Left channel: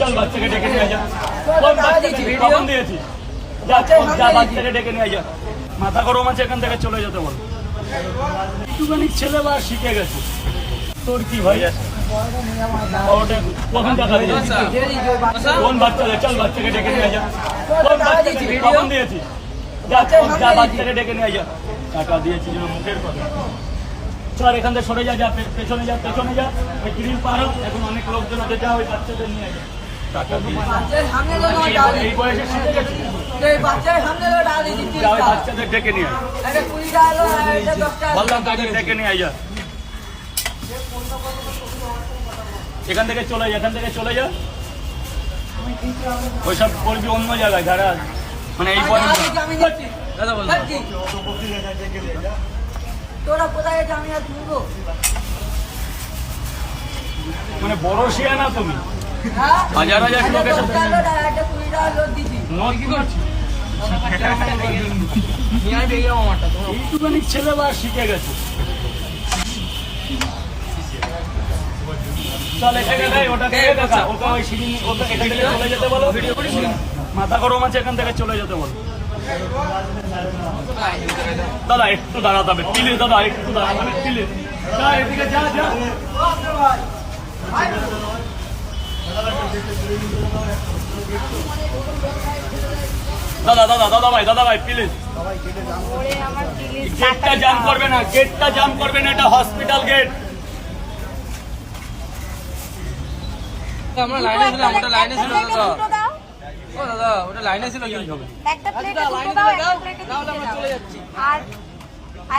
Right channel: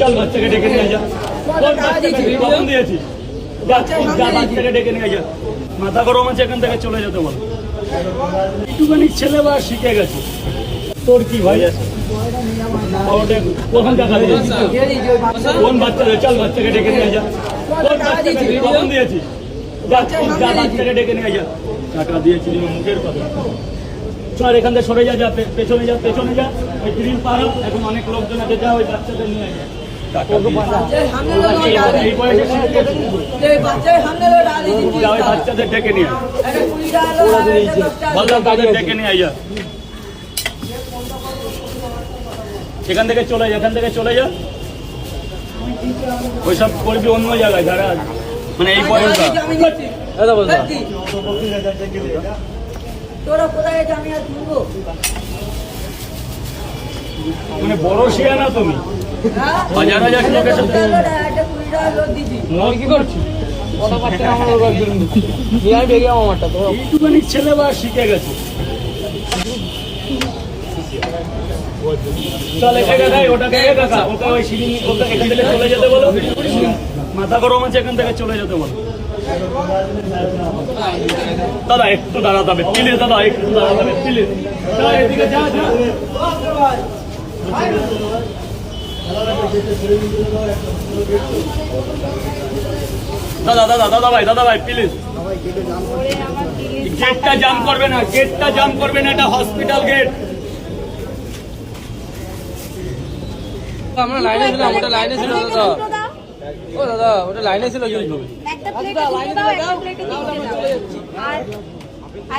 চল বাচ্চাকে ডেকে নিয়ে যা। কখন দিয়েছি? বাচ্চাকে ডেকে নিয়ে যা। মাথা গরম আছে, এখান থেকে চলে যেতে বল। একটুখানি ছেলে বা শিখে গেছে। তোর কি ভাই? কখন টাকা দিয়েছি? কোন বাচ্চাকে? চল বাচ্চাকে ডেকে নিয়ে যা। কখন দিয়েছি? বাচ্চাকে ডেকে নিয়ে যা। টাকা দিয়েছি মুখের কথা। চল এখান থেকে সরে যা, পেছনে যা, পেছনে যা। ওই গ্রিল পার হোক, এখন অনেক লোকজন আছে, যা ওই বাচ্চাদের নিয়ে যা। বাচ্চাদের ডেকে নিয়ে বললাম, তাদের ডেকে নিয়ে যা। এখান থেকে চলে যা, এখান থেকে চলে যা। ওইসব করবি অন্য জায়গায়, যারা মানে এই তোরা কোথায় গেছে আমি আর শুনবো? মানে বড় শিয়া না তুমি? হাজার হাজার লোকের সাথে কি করছি? এইটুখানি ছেলে বা শিখে গেছে। চল এটাকে দেয়, ওটাকে দেখা, ওটা ওই সিঁড়ি, ওটা এখান থেকে চলে যেতে বলো। মাথা গরম আছে, এখান থেকে চলে যেতে বলো। দাদা একটু দাঁড়াতে হবে প্লিজ, দাদা একটু দাঁড়াতে হবে প্লিজ। এদিকে যা যা। দাদা দাদা দাদা ভাই, দাদা ভাই প্লিজ। গেটটা জাম করবে না, গেটটা জাম করবে না, এটা হসপিটাল গেট। একটা প্লেটে দুটো দাও, একটা প্লেটে তিনটে দাও। আর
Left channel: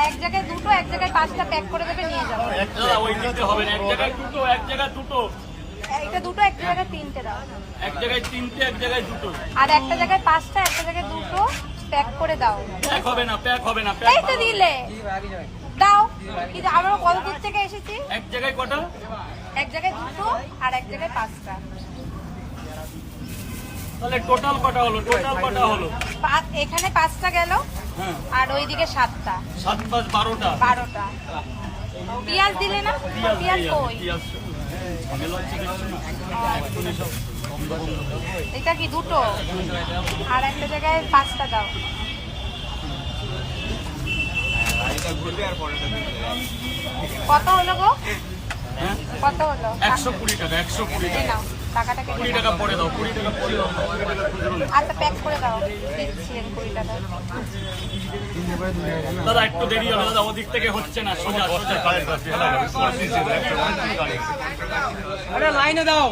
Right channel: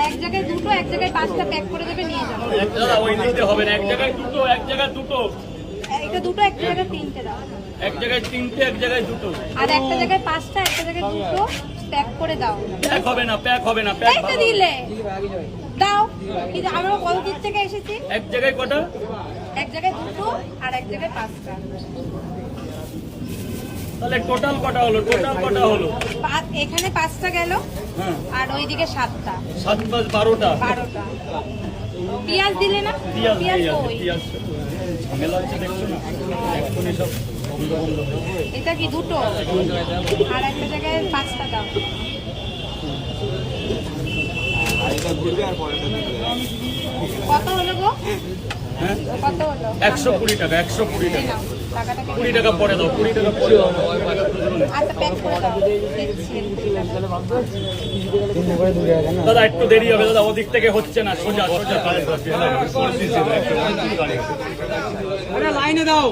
এক জায়গায় দুটো, এক জায়গায় পাঁচটা প্যাক করে দেবে, নিয়ে যাবো। দাদা ওই দিতে হবে না, এক জায়গায় দুটো, এক জায়গায় দুটো। একটা দুটো, এক জায়গায় তিনটে দাও। এক জায়গায় তিনটে, এক জায়গায় দুটো। আর একটা জায়গায় পাঁচটা, একটা জায়গায় দুটো প্যাক করে দাও। প্যাক হবে না, প্যাক হবে না, প্যাক এই তো দিলে দাও। কিন্তু আমরা কত দূর থেকে এসেছি? এক জায়গায় কটা? এক জায়গায় দুটো আর এক জায়গায় পাঁচটা। তাহলে টোটাল কটা হলো? টোটাল কটা হলো? এখানে পাঁচটা গেল, হ্যাঁ, আর ওইদিকে সাতটা। 7 + 12টা। 12টা। পেঁয়াজ দিলে না? পেঁয়াজ পেঁয়াজ নেই, কই? পেঁয়াজ ঝামেলা হচ্ছে দেখছো না, এখনই সব বন্ধ বন্ধ হয়ে যাবে। এটা কি দুটো? আর একটা জায়গায় পাঁচটা দাও। কত হলো গো? হ্যাঁ, কত হলো? 120 টাকা, 120 টাকা। নাও, টাকাটা কেটে 20 টাকা পরে দাও, 20 টাকা পরে দাও, 20 টাকা খুচরো নেই। আচ্ছা প্যাক করে দাও। দাদা একটু দেরি হবে দাদা, ওদিক থেকে হচ্ছে না, সোজা সোজা। লাইনে দাও।